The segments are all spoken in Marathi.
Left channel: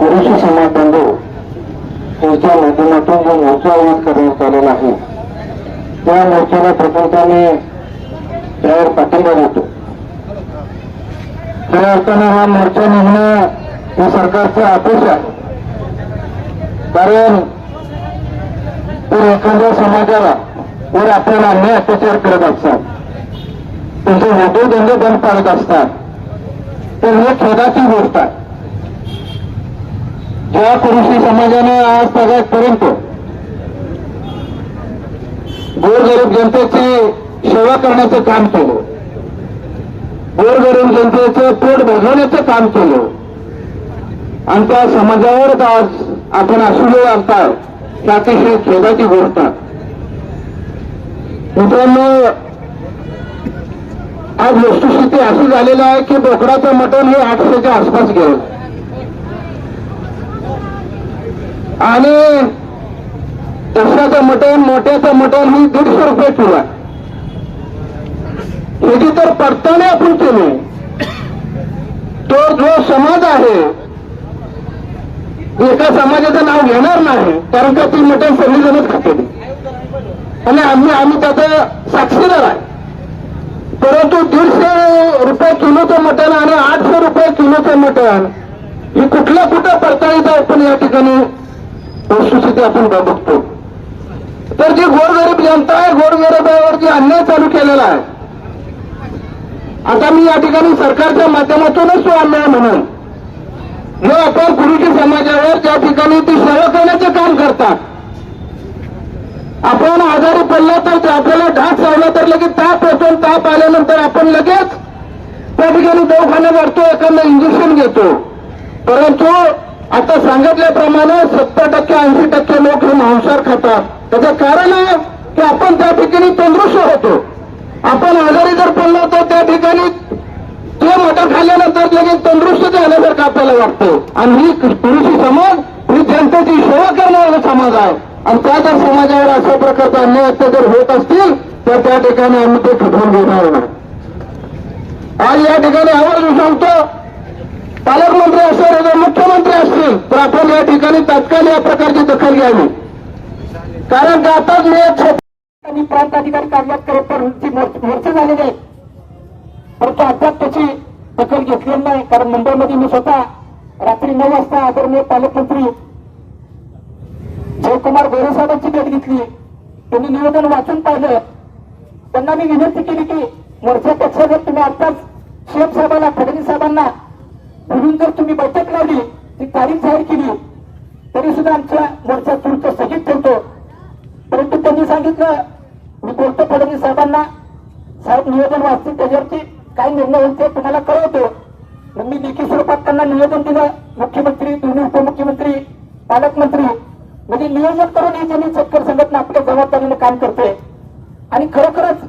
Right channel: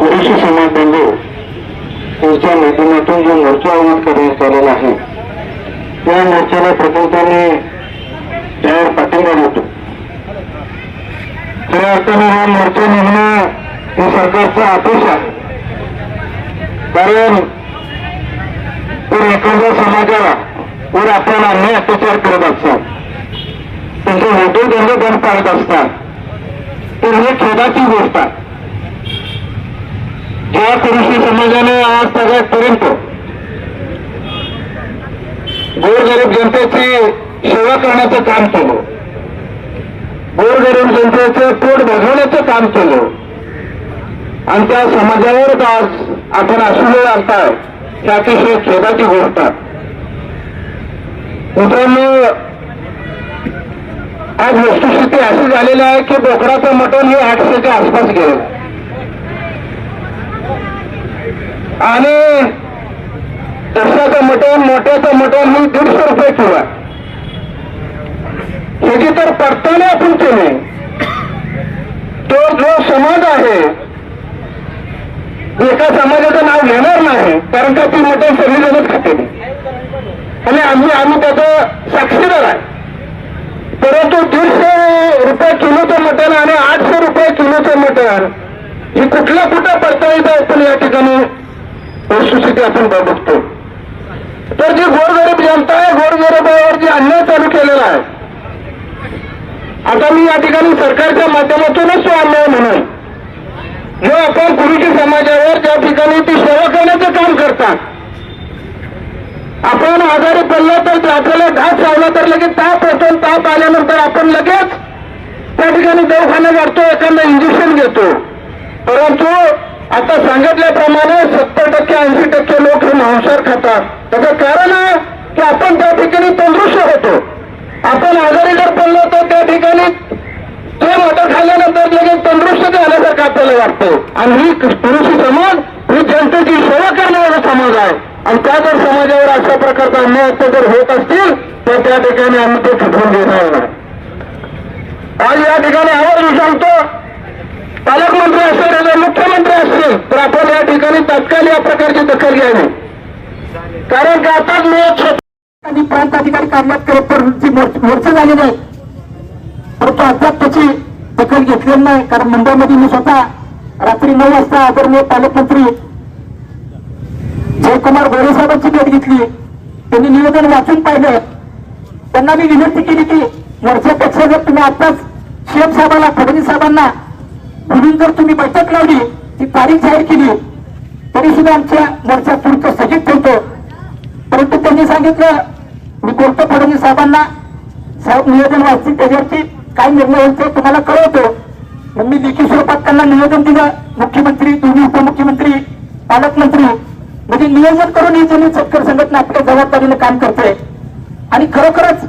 ओबीसी समाज बांधव यांच्या माध्यमातून जो मोर्चा आयोजित करण्यात आलेला आहे त्या मोर्चाला प्रकल्पाने त्यावर पाठिंबा देतो खऱ्या अर्थाने हा मोर्चा निघणं हे सरकारचा आदेश आहे. कारण जर एखाद्या समाजाला वर आपल्याला अन्याय अत्याचार करत असतात त्यांचे उद्योगधंदे बंद पाडत असतात तर हे खेदाची गोष्ट आहे. ज्या कृषी समाजाने आज सगळ्यापर्यंत गोरगरीब जनतेची सेवा करण्याचं काम केलं. गोरगरीब जनतेचं पोट भागवण्याचं काम केलं. आणि त्या समाजावर आज आपण असुले आणताय ही अतिशय खेदाची गोष्ट मित्रांनो आज वस्तुस्थिती अशी झालेली आहे की बोकडाचं मटण हे आठशेच्या आसपास गेलं. आणि दशाचं मटण मोठ्याचं मटण ही दीडशे रुपये किलो आहे. ह्याची तर पडताळणी आपण केली. तो जो समाज आहे एका समाजाचं नाव घेणार नाही कारण का ती मटण सगळी जणच खाते. आणि आम्ही आम्ही त्याचं साक्षीदार आहे. परंतु दीडशे रुपये किलोचं मटण आणि आठशे रुपये किलोचं मटण ही कुठल्या कुठं पडताळीत आपण या ठिकाणी वस्तुस्थिती आपण बघतो तर जी गोरगरीब जनता आहे गोरगरिबावर जी अन्याय चालू केलेला आहे. आता मी या ठिकाणी सरकारच्या माध्यमातूनच तो अन्याय म्हणून. जो आपण गुरुजी समाजावर ज्या ठिकाणी ती सेवा करण्याचं काम करतात. आपण आजारी पडला तर आपल्याला घास राहिला तर लगेच ताप येतो ताप आल्यानंतर आपण लगेच त्या ठिकाणी दवाखाना वाढतो एखादा इंजेक्शन घेतो. परंतु आता सांगितल्याप्रमाणे सत्तर टक्के ऐंशी टक्के लोक हे मांसाहार खातात. त्याचं कारण आहे की आपण त्या ठिकाणी तंदुरुस्त होतो. आपण आजारी जर पडलो तर त्या ठिकाणी ते मटण खाल्ल्यानंतर लगेच तंदुरुस्त आल्यासारखं आपल्याला वाटतो. आणि ही पुरुषी समाज ही जनतेची सेवा करणारा समाज आहे आणि त्या जर समाजावर अशा प्रकारचा अन्याय अत्याचार होत असतील तर त्या ठिकाणी आम्ही ते खटवून घेणार नाही आज या ठिकाणी आवाज मी सांगतो पालकमंत्री असतील किंवा मुख्यमंत्री असतील तर आपण या ठिकाणी तात्काळ या प्रकारची दखल घ्यावी. कारण की आता मी प्रांत अधिकारी कार्यालयात करत मोर्चा झालेले आहे. परंतु अद्याप त्याची दखल घेतलेली नाही कारण मुंबईमध्ये मी स्वतः रात्री नऊ वाजता आदरणीय पालकमंत्री जयकुमार गोरे साहेबांची भेट घेतली. त्यांनी निवेदन वाचून पाहिलं. त्यांना मी विनंती केली की मोर्चापेक्षा जर तुम्ही आताच सीएम साहेबांना फडणवीस साहेबांना म्हणून जर तुम्ही बैठक लावली ती तारीख जाहीर केली तरी सुद्धा आमच्या मोर्चा पुढचं स्थगित ठेवतो. परंतु त्यांनी सांगितलं मी बोलतो फडणवीस साहेबांना साहेब निवेदन वाचतील त्याच्यावरती काय निर्णय होईल ते तुम्हाला कळवतो. मग मी लेखी स्वरूपात त्यांना निवेदन दिलं मुख्यमंत्री दोन्ही उपमुख्यमंत्री पालकमंत्री. म्हणजे नियोजन करून ही जमीन शेतकरी संघटना आपल्या जबाबदारीने काम करते. आणि खरोखरच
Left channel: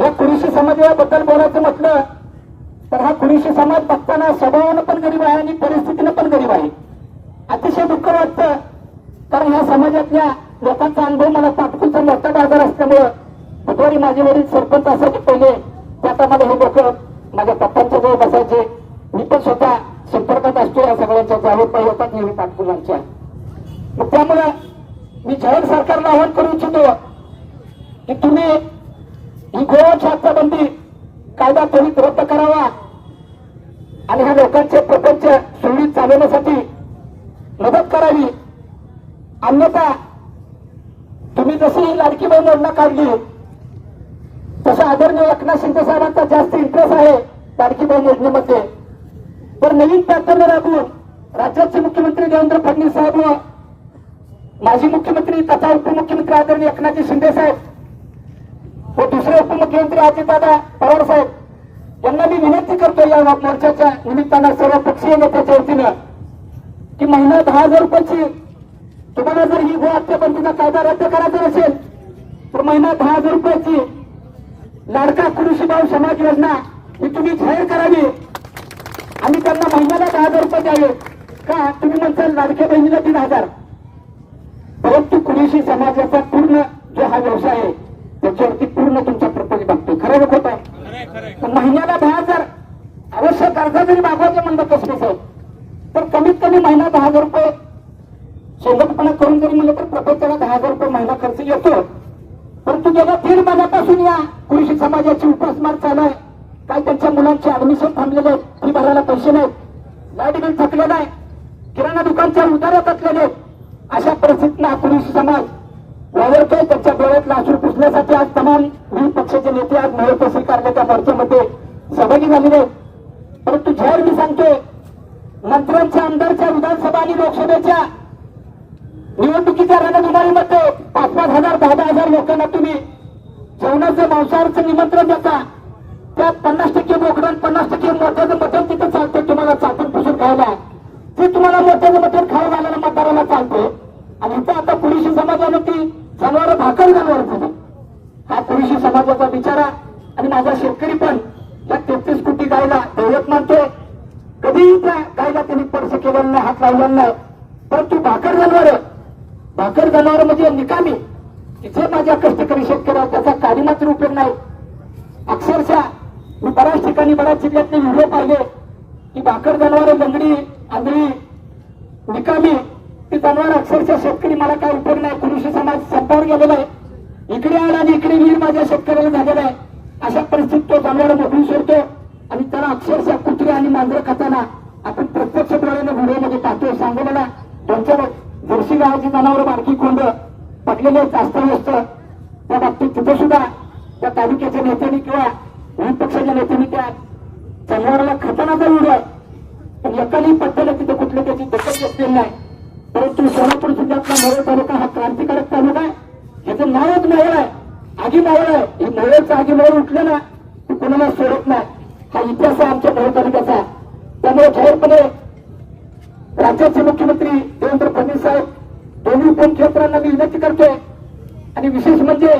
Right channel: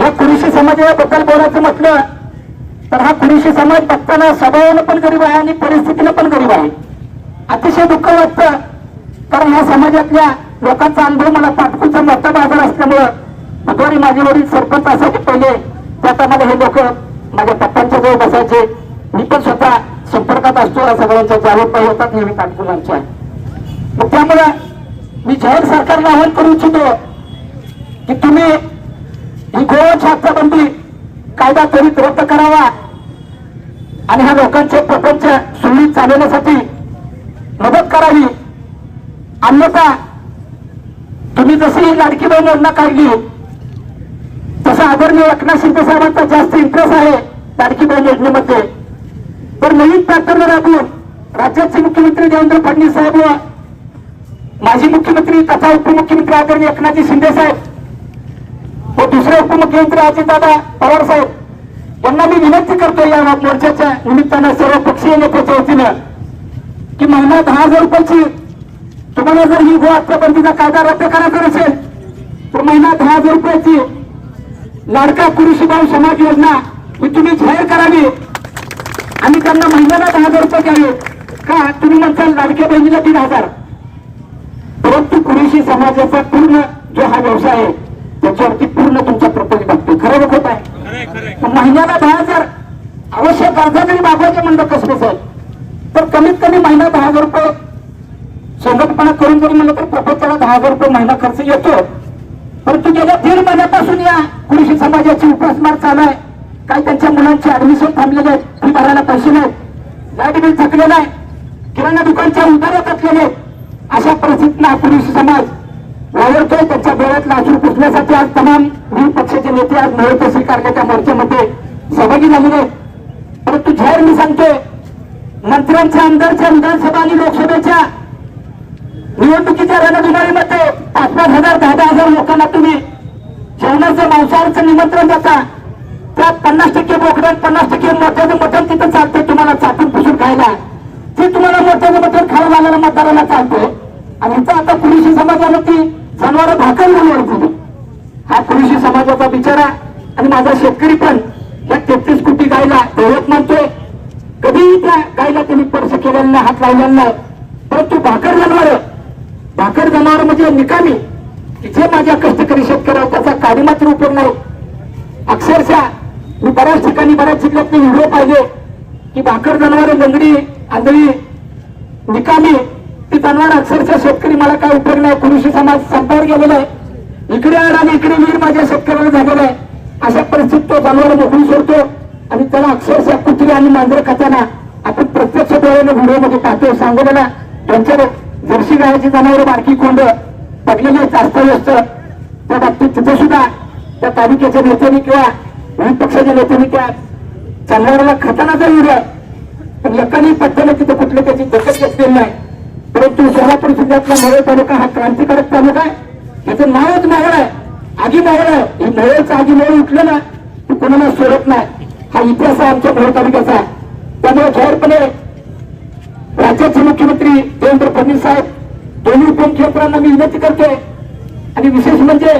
या कृषी समाजाबद्दल बोलायचं म्हटलं तर हा कुरुशी समाज बघताना स्वभावानं पण गरीब आहे आणि परिस्थितीनं पण गरीब आहे. अतिशय दुःख वाटतं. कारण या समाजातल्या लोकांचा अनुभव मला पाटकुचा मोठा बाजार असल्यामुळं बुधवारी माझे वडील सरपंच असायचे पहिले. त्या मला हे लोक माझ्या पप्पांच्या जवळ बसायचे. मी पण स्वतः संपर्कात असतो या सगळ्यांच्या जावेद पाहिजे होतात नेहमी पाटकुलांच्या. मग त्यामुळं मी जाहीर सरकारला आवाहन करू इच्छितो की तुम्ही ही गोवा बंदी कायदा त्वरित रद्द करावा. आणि ह्या लोकांचे प्रपंच सुरळीत चालवण्यासाठी मदत करावी. अन्यथा तुम्ही जशी लाडकी बहीण योजना काढली तसं आदरणीय एकनाथ शिंदे साहेबांचा जास्त इंटरेस्ट आहे लाडकी बहीण योजनेमध्ये. तर नवीन पॅटर्न राबवून राज्याचे मुख्यमंत्री देवेंद्र फडणवीस साहेब व माजी मुख्यमंत्री तथा उपमुख्यमंत्री आदरणीय एकनाथजी शिंदे साहेब व दुसरे उपमुख्यमंत्री अजितदादा पवार साहेब यांना मी विनंती करतो या मोर्चाच्या निमित्तानं सर्व पक्षीय नेत्याच्या वतीनं की महिना दहा हजार रुपयाची तुम्हाला जर ही गोहत्याबंदीचा कायदा रद्द करायचा असेल तर महिना दहा हजार रुपयाची लाडका कुरुशीबाई समाज योजना ही तुम्ही जाहीर करावी. आणि त्यांना महिन्याला दहा हजार रुपये द्यावे. का? तुम्ही म्हणताल लाडक्या बहिणीला तीन हजार. परंतु कुरुषी समाजाचा पूर्ण जो हा व्यवसाय आहे त्याच्यावरती पूर्ण तुमचा प्रपोज बघतो खरं होत आहे? महिन्याला दहा हजार अवश्य कर्ज जरी मागवायचे म्हणलं कसं साहेब? तर कमीत कमी महिना दहा हजार रुपये संघटपणा करून जरी म्हणलं तर प्रपंचाला दहा हजार रुपये महिना खर्च येतो. परंतु गेल्या दीड महिन्यापासून या कृषी समाजाची उपासमार चालू आहे. काही त्यांच्या मुलांचे ऍडमिशन थांबलेले आहेत. फी भरायला पैसे नाहीत. लाइट बिल थकलेलं आहे. किराणा दुकानच्या थकलेले आहेत. अशा परिस्थितीला कृषी समाज वावरतोय त्याच्या डोळ्यातला असून पुसण्यासाठी आज तमाम विविध पक्षाचे नेते आज नवे स्वीकारण्याच्या मोर्चामध्ये सहभागी झालेले आहेत. परंतु झेर मी सांगतोय मंत्र्यांच्या आमदारच्या विधानसभा आणि लोकसभेच्या निवडणुकीच्या रणधुमारीमध्ये पाच पाच हजार दहा दहा हजार लोकांना तुम्ही जेवणाचं मांसाहारचं निमंत्रण देता. त्यात पन्नास टक्के बोकडं पन्नास टक्के मोठ्याचं मटण तिथं चालतंय तुम्हाला चाटून पुसून खायला. ते तुम्हाला मोठ्याचं मटण खायला लागलेला मतदाराला चालतंय. आणि इथं आता पुरुषी समाजानं ती जनावर भाकर बोलवायची हा कृषी समाजाचा बिचारा आणि माझा शेतकरी पण या तेहतीस कोटी गायला दैवत मानतोय. कधीही त्या गायला त्यांनी स्पर्श केलेला नाही हात लावलेला नाही. परंतु भाकर जनावर भाकर जनावर म्हणजे निकामी. तिथे माझ्या कष्टकरी शेतकऱ्या त्याचा काही मात्र उपयोग नाही. अक्षरशः मी बऱ्याच ठिकाणी बऱ्याच जिल्ह्यात व्हिडिओ पाहिले की भाकर जनावर लंगडी आंधळी निकामी ती जनावर अक्षरशः शेतकरी मला काय उपयोग नाही. कृषी समाज संपावर गेलेला आहे. इकडे आड आणि इकडे मी माझ्या शेतकऱ्याला झालेला आहे. अशा परिस्थितीत तो जनावर मोकळी सोडतो. आणि त्याला अक्षरशः कुत्री आणि मांजर खाताना आपण प्रत्यक्ष डोळ्याने व्हिडिओमध्ये पाहतो सांगवलेला त्यांच्या जर्सी गायाची जनावर बारकी कोंड पडलेले जास्त व्यस्त त्या बाबतीत तिथे सुद्धा त्या तालुक्याच्या नेत्यांनी किंवा विविध पक्षाच्या नेत्यांनी किंवा जनावराला खाताना व्हिडिओ पण एकाने पत्त्याने तिथे कुठलं त्याची दखल घेतलेली नाही. परंतु सोलापूर जिल्ह्यातला मोहोळ तालुका हा क्रांतिकारक तालुका आहे. याचं नावच मोहोळ आहे. आगी मोहोळ आहे. ही मोहोळचं आगी मोहोळ उठलं ना की कोणाला सोडत नाही. हा इतिहास आहे आमच्या मोहोळ तालुक्याचा. त्यामुळे जाहीरपणे राज्याचे मुख्यमंत्री देवेंद्र फडणवीस साहेब दोन्ही उपमुख्यमंत्र्यांना मी विनंती करतोय. आणि विशेष म्हणजे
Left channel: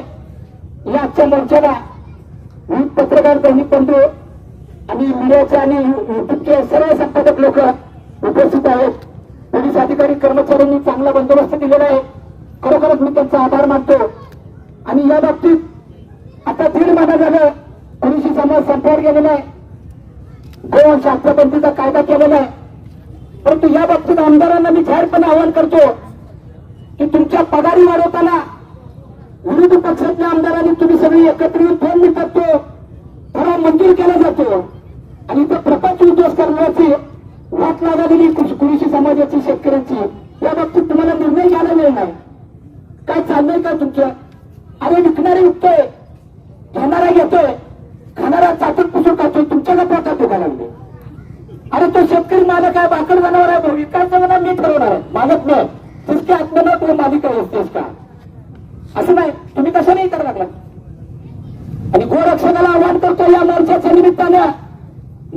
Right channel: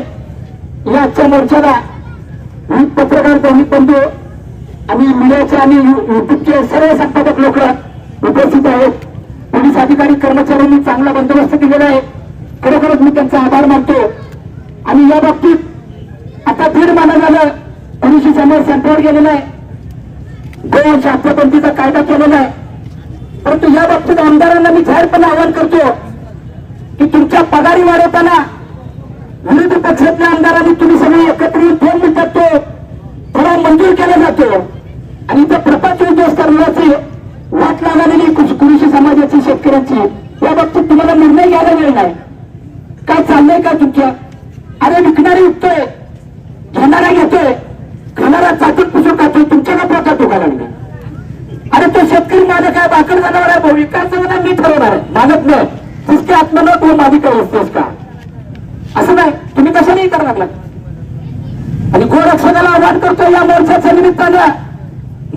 या आजच्या मोर्चाला विविध पत्रकार दैनिक बंधू आणि मीडियाचे आणि युट्यूबचे सर्व संपादक लोक उपस्थित आहेत. पोलीस अधिकारी कर्मचाऱ्यांनी चांगला बंदोबस्त केलेला आहे. खरोखरच मी त्यांचा आभार मानतो. आणि या बाबतीत आता दीड महिना झालं कृषी समाज संपावर गेलेला आहे. गोवा हत्याबंदीचा कायदा केलेला आहे. परंतु या बाबतीत आमदारांना मी जाहीरपणे आवाहन करतो की तुमच्या पगारी वाढवताना विरोधी पक्षातल्या आमदारांनी तुम्ही सगळे एकत्र येऊन फोन मिनिटात तो थोडा मंजूर केला जातो. आणि इथं प्रपंच उद्योग करण्याची वाट लागलेली कृषी समाजाची शेतकऱ्यांची या बाबतीत तुम्हाला निर्णय घ्यायला वेळ नाही. काय चाललंय का तुमच्या अरे विकणारे विकतोय घेणारा घेतोय खाणारा चाटून पुसून खातोय तुमच्या का पोटात दुखा लागले. अरे तो शेतकरी मालक आहे बाकड जाणार आहे विकास जाणार मी ठरवणार आहे. मालक नाही तिसके आत्मन तो माझी काय असतोस का? असं नाही तुम्ही कसं नाही करणार आणि गोरक्षणाला आव्हान करतो या मोर्चाच्या निमित्तानं.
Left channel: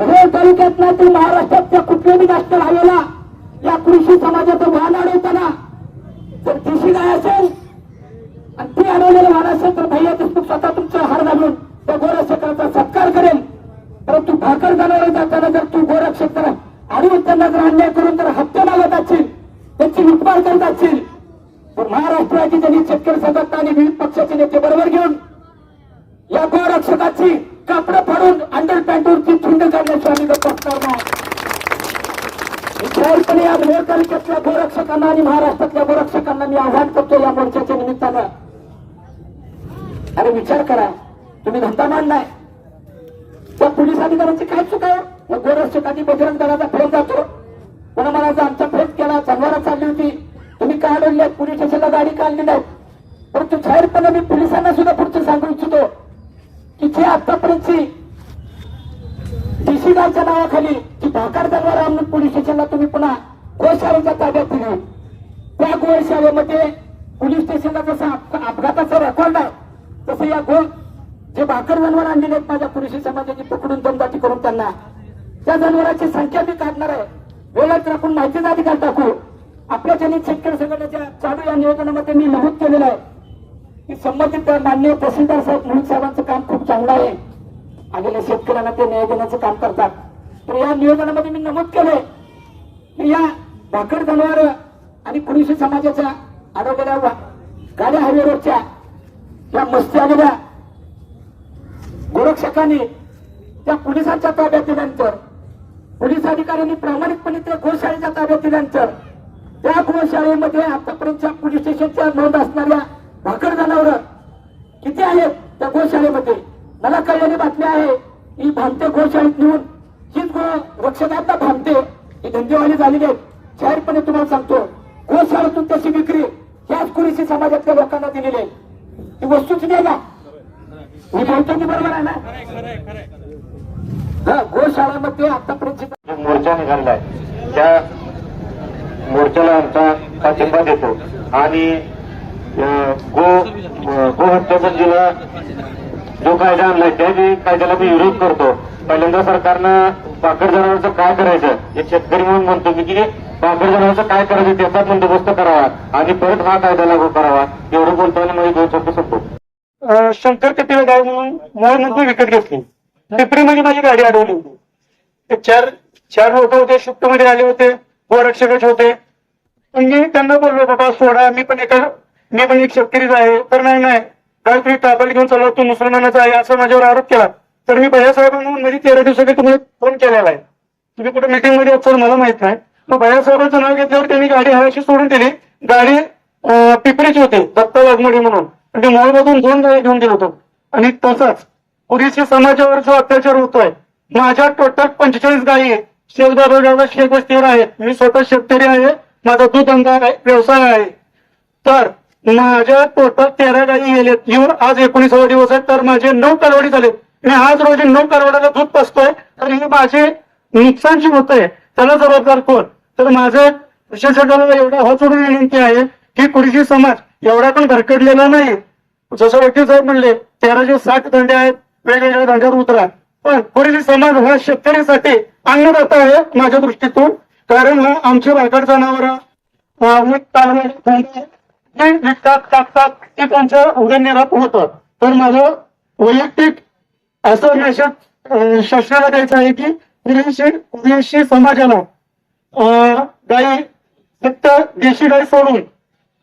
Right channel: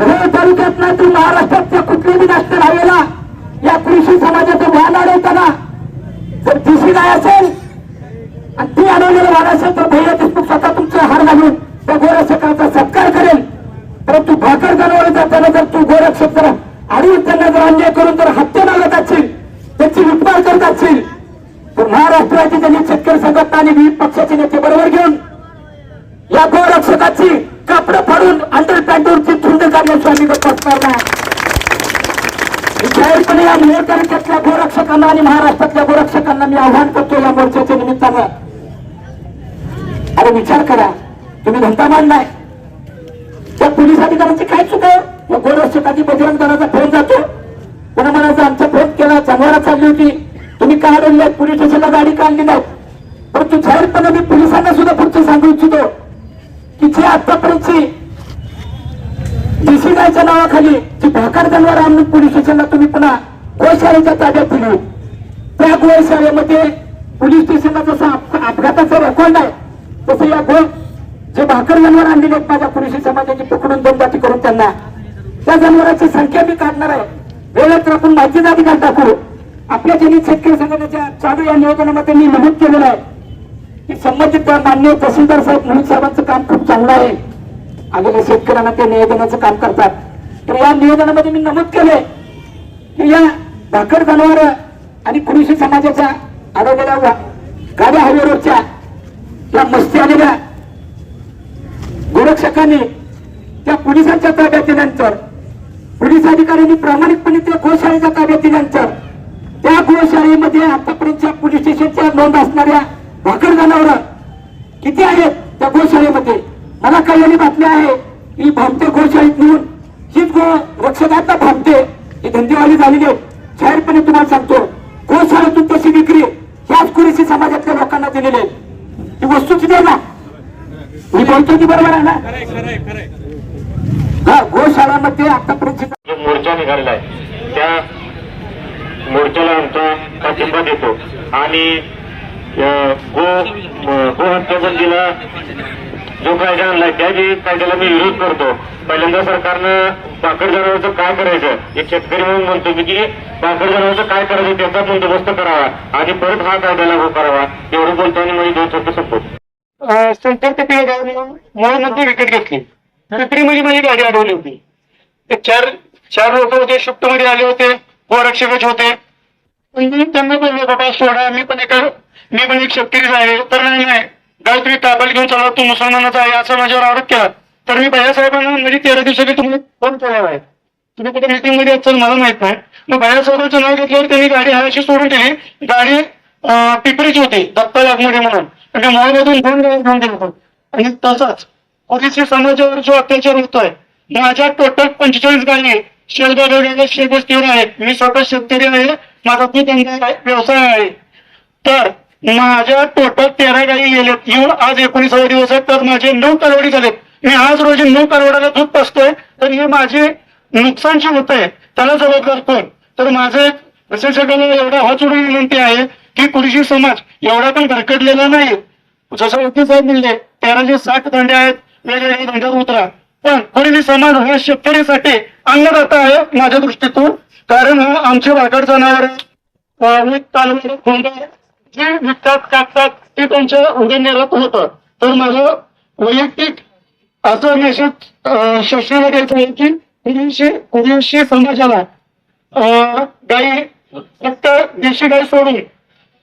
नवे तालुक्यात ना तर महाराष्ट्रातल्या कुठल्याही नॅशनल हायवेला या कृषी समाजाचं वाहन अडवताना जर दिशी नाही असेल आणि ती अडवलेलं वाहन असेल तर भैया देशमुख स्वतः तुमचं हार घालून त्या गोरक्षकाचा सत्कार करेल. परंतु भाकर जनावर जाताना जर तू गोरक्षक जर अडवून त्यांना जर अन्याय करून जर हत्या मागत असशील त्यांची लुटमार करत असशील तर महाराष्ट्राची त्यांनी शेतकरी संघटना आणि विविध पक्षाचे नेते बरोबर घेऊन या गोरक्षकाची कापडं फाडून अंडर पॅन्टवरची थुंड तो आम्ही गप्प जाहीरपणे या मोहोळ तालुक्यातल्या गोरक्षकांना आणि महाराष्ट्रातल्या गोरक्षकांना मी आव्हान करतो या मोर्चाच्या निमित्तानं. अरे विचार करा तुम्ही धंदा मांडलाय. त्या पोलीस अधिकाऱ्यांची काय चुक? मग गोरक्षकांनी बजरंग दलाचा फोन जातो. कोणा म्हणायचा आमचा फोन केला जनावरा चालली होती. तुम्ही का अडवले? पोलीस स्टेशनला गाडी काढली नाही? परंतु जाहीरपणे मी पोलिसांना सुद्धा पुढचं सांगू इच्छितो की जे आतापर्यंतची देशी नावाखाली जी भाकार जनावर आणून पोलीस स्टेशनला तुम्ही पुन्हा गोशाळेच्या ताब्यात दिली. त्या गोशाळेमध्ये पोलीस स्टेशनला जसं अपघाताचा रेकॉर्ड आहे. तसं या गो जे भाकर जनावर आणलेले आहेत माझ्या पुरुषी समाजाची पकडून दमदाटी करून त्यांना त्या जनावरांची संख्या मी काढणार आहे. वेळेत आपण माहितीचा अधिकार टाकू आपल्या जनित शेतकरी संघटनेच्या चालू या नियोजनामध्ये मी नमूद केलेलं आहे की संबंधित मान्य तहसीलदार साहेब म्हणून साहेबांचं काम खूप चांगलं आहे. आलेल्या शेतकऱ्यांना ते नियोजनाचं काम करतात. तर या नियोजनामध्ये मी नमूद केले की या भाकर जनावर आणि कृषी समाजाच्या आरोग्याला गाड्या हायवे रोडच्या या मस्ती आलेल्या गोरक्षकांनी त्या पोलिसांच्या ताब्यात दिल्यानंतर पोलीस अधिकाऱ्यांनी प्रामाणिकपणे त्या गोशाळेच्या ताब्यात दिल्यानंतर त्या गोशाळेमध्ये आतापर्यंतच्या पोलीस स्टेशनच्या नोंद असणाऱ्या भाकर जनावर किती आहेत त्या गोशाळेमध्ये? मला कळलेली बातमी आहे. की भामटे गोशाळेत नेऊन हीच गो रक्षकांना भामते ही धंदेवाली झालेली आहेत जाहीरपणे तुम्हाला सांगतो गोशाळेतून तशी विक्री ह्याच कुरेशी समाजातल्या लोकांना दिलेली आहे. ही वस्तूची आहे ना? मी बोलतो ती बरोबर आहे ना? हा गोशाळामध्ये आतापर्यंत जो मोर्चा निघालेला आहे त्या मोर्चाला आमचा पाठिंबा देतो. आणि गो गो बंदीला जो कायदा आणलाय त्या जे कायद्याला मी विरोध करतो. पहिल्यांदा सरकारनं पाकड जनावरचं काय करायचं? एक शेतकरी म्हणून म्हणतो की पाकड जनावरचं काय करायचं त्याचा बंदोबस्त करावा आणि परत हा कायदा लागू करावा. एवढं बोलतो आणि माझी दोन शब्द संपतो. शंकर टिपरे गाडी म्हणून मॉलमधून विकेट घेतली. टिपरीमध्ये म्हणजे माझी गाडी अडवली होती. ते चार चार लोक होते शिफ्टमध्ये आले होते गोरक्षकच होते. पण त्यांना बोललो बाबा सोडा मी पण एका मी पण एक शेतकरीच आहे तर नाही नाही. गावकरी तुम्ही घेऊन चालला तू मुसलमानाचा आहे असं माझ्यावर आरोप केला. तर मी भैयासाहेबांना म्हणजे तेरा दिवसासाठी तुम्ही फोन केलेला आहे. तुम्ही कुठे मीटिंगमध्ये असाल मला माहीत नाही. मग भैयासाहेबांचं नाव घेतल्यावर त्यांनी गाडी हवाशी सोडून केली. गाडी पिपरीची होती दत्ता लागमोडी म्हणून. म्हणजे मॉलमधून दोन गाडी घेऊन गेलो होतो. आणि तसाच ओबीसी समाजावर जो अत्याचार होतोय माझ्या टोटल पंचेचाळीस गायी आहे गावात शेत वस्तीवर आहेत. मी स्वतः शेतकरी आहे माझा दूध धंदा आहे, व्यवसाय आहे. तर माझ्या टोटल तेरा गायी गेलेत. येऊन आज एकोणीसावा दिवस आहे तर माझे नऊ कालवडी झालेत. मी आज रोजी नऊ कालवड्याला दूध पसतोय तर हे माझे नुकसान होत आहे त्याला जबाबदार कोण? तर माझे प्रशासकाला एवढा हा जोडून विनंती आहे की पुरुषी समाज एवढा पण भरकटलेला नाही. जसं वकील साहेब म्हणले तेराशे साठ धंदे आहेत वेगवेगळ्या धंद्यात उतरा. पण पुरुषी समाज हा शेतकऱ्यासाठी अन्नदाता आहे माझ्या दृष्टीतून कारण हा आमचे भागात जाणार जे विकतात कापतात ते त्यांच्या उदरनिर्वाहात होतं तर माझं वैयक्तिक असं मेसेज शासनाला द्यायचं आहे की विदेशी समाजाला अं, गाई फक्त देशी गाई सोडून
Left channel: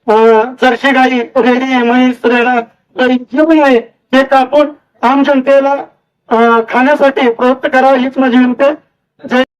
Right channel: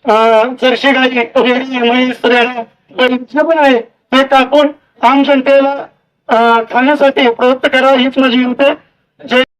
अं, जर्सी गाई रेडी म्हैस रेडा जे पण आहे ते कापून आम जनतेला खाण्यासाठी प्रवृत्त करा हीच माझी विनंती आहे.